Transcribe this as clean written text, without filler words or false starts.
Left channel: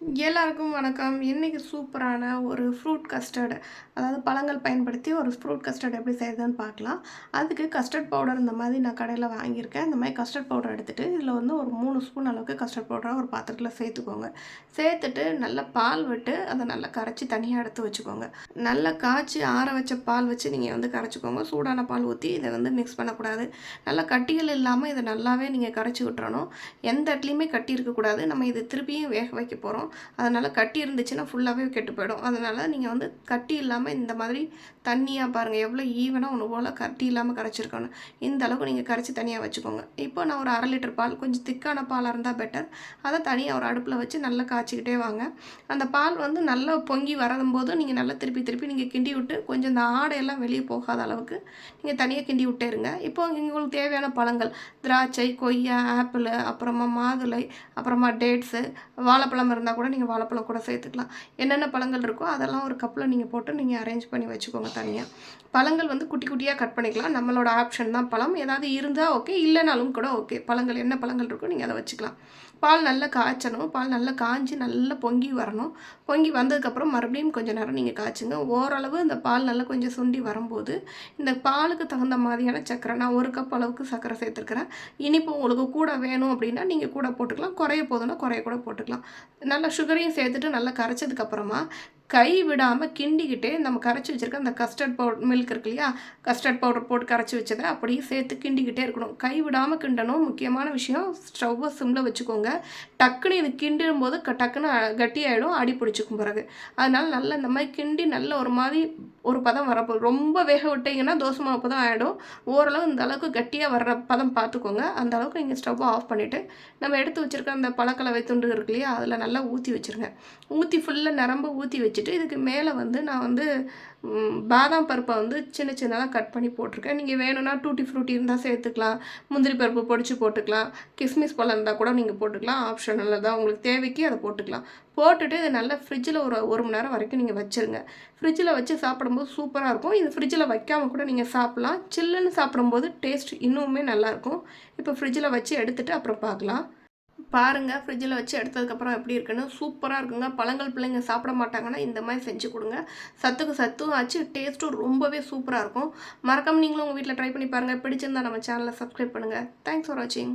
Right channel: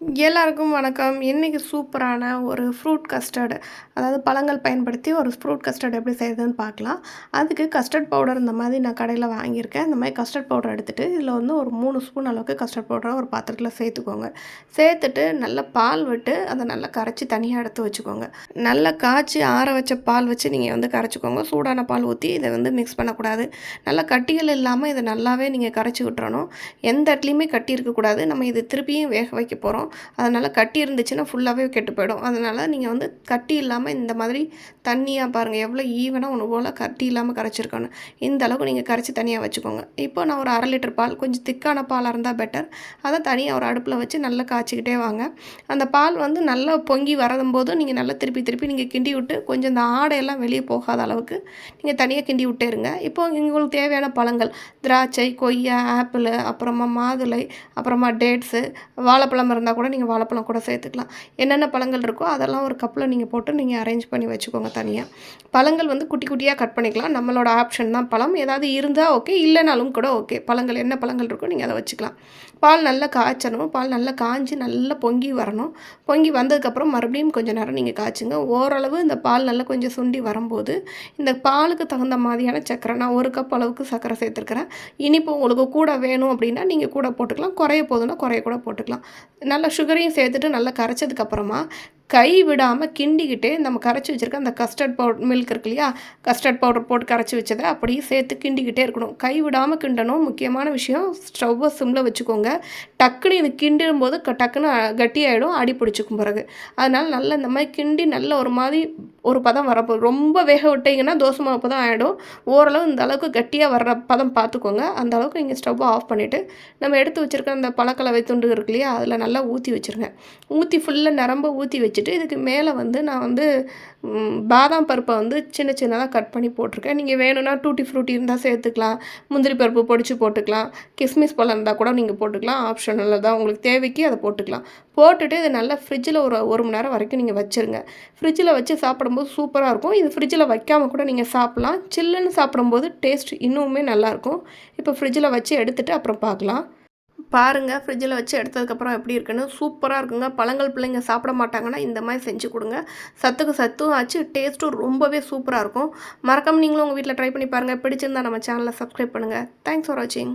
எல்லாருக்கும் வணக்கம். இன்னைக்கு சூப்பரான ஒரு ஃப்ரூட் கஸ்டர்டு, அதாவது பழங்கள் பயன்படுத்தி ஒரு ஃப்ரூட் கஸ்டர்ட் எப்படி செய்யுதுன்னு பார்க்கலாம். அதுக்கு கஸ்டர்ட் பவுடர் இந்த மாதிரி நான் கடையில் வாங்கியிருக்கேன். இந்த மாதிரி கஸ்டர்ட் பவுடர் எடுத்துகிட்டு இதில் வந்து ஒரு 3 ஸ்பூன் அளவுக்கு கஸ்டர்ட் பவுடரை ஒரு பாத்திரத்தில் சேர்த்துக்கோங்க. சேர்த்துட்டு நல்லா பால் விட்டு அதை நல்லா கரைச்சி தனியாக எடுத்து வச்சுக்கோங்க. நல்லா காய்ச்சி ஆற வச்ச பால் வச்சு நீங்கள் வந்து கரைச்சிக்கோங்க. சூடான பால் ஊற்றி இதை வந்து மிக்ஸ் பண்ணக்கூடாது. நல்லா கட்டிகள் இல்லாமல் இதை நல்லாவே நீங்கள் கரைச்சி விட்டுறணும். எந்த இடத்துலையுமே கட்டி இருக்கக்கூடாது. நம்ம இது திருப்பியும் வேக வைக்க போகிறோம். அதனால் கட்டி இருந்துச்சுன்னா ஃபுல்லாகவே கெட்டு போயிடும். அதனால் நீங்கள் வந்து கட்டி இல்லாமல் இந்த மாதிரி தண்ணியாக பாருங்கள், எவ்வளோ ஈவனாக ஒன்று போல் கட்டி இல்லாமல் கரைச்சிருக்கணும். இந்த அளவுக்கு நீங்கள் கரைச்சி தனியாக வச்சுக்கோங்க. இப்போ நான் ஒரு 1/2 லிட்டர் பால், கொஞ்சம் திக்கான பாலாக இருந்தால் பெட்டர். அதை தனியாக ஒரு அடுப்பில் வச்சு நல்லா காய்ச்சிக்கிட்டே வாங்க. அந்த பால் வந்து நல்லா பொங்கி வரும்போது நீங்கள் நல்லா திருப்பி திருப்பி நீங்கள் கிண்டி விட்டு கொஞ்சம் இந்த ஆடையெல்லாம் வெளியே போகாத அளவுக்கு நீங்கள் தனியாக கிண்டி விட்டே இருங்க. இப்போ உங்களுக்கு தேவையான பழங்கள் திராட்சை, கொய்யா, ஆப்பிள், அப்புறமா மாதுளை, அப்புறமா டேட்ஸு, வாழைப்பழம் இருந்தால் கூட நீங்கள் வாழைப்பழம் கூட சேர்த்துக்கலாம். என்னென்ன பழங்கள் இருக்கோ அதெல்லாம் ஒரு கப்பில் நீங்கள் போட்டு நீங்கள் அரேஞ்ச் பண்ணி வச்சுக்கோங்க தனியாக. பழங்கள் வந்து குட்டி குட்டியாக கட் பண்ணிக்கலாம். நம்மளோட ஆப்ஷன் தான். பழம் ஏதாவது இருந்தால் ஓகே, இல்லைனாலும் கூட ஓகே. பழங்கள் என்ன பழங்கள் இருக்கோ நீங்கள் அதை வச்சுக்கலாம். பால் நல்லா காய்ச்சணும். பால் நல்லா காய்ஞ்சி நல்லா பொங்கி வரணும். பொங்கி வந்ததுக்கப்புறம் மறுபடியும் கொஞ்சம் நேரம் நீங்கள் காய்ச்சுங்க. ஓரளவு இந்த பால் நல்லா கொஞ்சம் சுண்டி வரும்போது இந்த பாலுக்கு தகுந்த மாதிரியான சர்க்கரை, நான் 1 கப் அளவுக்கு சர்க்கரை சேர்த்துருக்கிறேன். இனிப்பு உங்களுக்கு கூட வேணும் அப்படின்னா நீங்கள் கூட போட்டுக்கலாம். குறைய போதுன்னா குறைய கூட போட்டுக்கலாம். நல்லா சுகரையும் சேர்த்துட்டு நல்லா கரைச்சதுக்கப்புறமா கை விடாமல் கிண்டிக்கிட்டே நம்ம கரைச்சி வச்சுருக்க அந்த கஸ்டர்ட் பவுடர் மில்க் இருக்கு இல்லையா, கஸ்டர்ட் பவுடர் போட்டு கரைச்சி வச்சதை அப்படியே சேர்த்து கிண்டிக்கிட்டே இருக்கணும். கை விடாமல் கிண்டணும். முக்கியமான விஷயம், ஸ்டவ்வை சிம்மில் வச்சுக்கோங்க. டக்குன்னு இது கிண்டும் போது டக்குன்னு கட்டியாயிடும், அடி பிடிச்சிக்கும் பிறகு. அதனால் நல்லா இந்த மாதிரி கிண்டி நல்ல ஒரு மாதிரி ஒரு பதம் வரப்போ, ரொம்ப வேக விட்டிங்கன்னா தோசை மாவு பதம் ஆகிடும். ஓரளவு இந்த அளவுக்கு கட்டியாக வர்ற பதம் பார்த்துக்கோங்க. அந்த அளவுக்கு நீங்கள் ஸ்டவ்வை ஆஃப் பண்ணிவிட்டு நம்ம எடுத்து வச்சுருக்க அந்த பழக்கலவை துண்டு இருக்கு இல்லையா, அதில் நல்லா ஊற்றி வச்சுருங்க. ஊற்றி ஃபுல்லாக நிரம்ப ஊற்றி வச்சுட்டு இதுக்கு மேலே வந்து நான் வந்து பாதாம் பருப்பை வந்து சின்ன சின்னதாக கட் பண்ணி போட்டிருக்கேன். நீங்கள் வேணும்னா டூட்டி ஃப்ரூட்டி இருந்தால் சேர்த்துக்கலாம். முந்திரி பருப்பு பொடிச்சு போட்டுக்கலாம். கிஸ்மிஸ் பழம் இருந்தால் கூட நீங்கள் போட்டுக்கலாம். ஆப்ஷனில் தான், உங்களுக்கு தேவைக்கு அதை போட்டுக்கலாம். போட்டுட்டு இதை நல்லா ஃப்ரிட்ஜில் ஒரு மணி நேரம் வரைக்கும் நீங்கள் வச்சுருங்க. ஃப்ரிட்ஜில் வச்சு சாப்பிடும்போது சூப்பராக இருக்கும். இது ஃப்ரிட்ஜில் வைக்காமல் கூட நீங்கள் சாப்பிட்லாம். சில்லுன்னு சாப்பிடும்போது டேஸ்ட் இன்னுமே நல்லாயிருக்கும். இப்போ ஃப்ரிட்ஜில் வச்சு எடுத்துகிட்டு அப்புறம் பார்க்கலாம். பாருங்கள், ஃப்ரிட்ஜில் வச்சு எடுத்ததுக்கப்புறம் எப்படி இருக்குன்னு. சூப்பராக இருக்குங்க. பழங்கள் பிள்ளைங்க சாப்பிட மாட்டாங்கன்னா இந்த மாதிரி செஞ்சு கொடுங்க. சத்துக்கு சத்தும் ஆச்சு, டேஸ்ட்டும் ரொம்பவே சூப்பராக இருக்கும். மறக்காம நீங்களும் உங்கள் வீட்டில் ட்ரை பண்ணி பாருங்கள். பிடிச்சிருந்தா நம்ம சேனலை சப்ஸ்கிரைப் பண்ணுங்கள். தேங்க்ஸ் ஃபார் வாட்சிங்.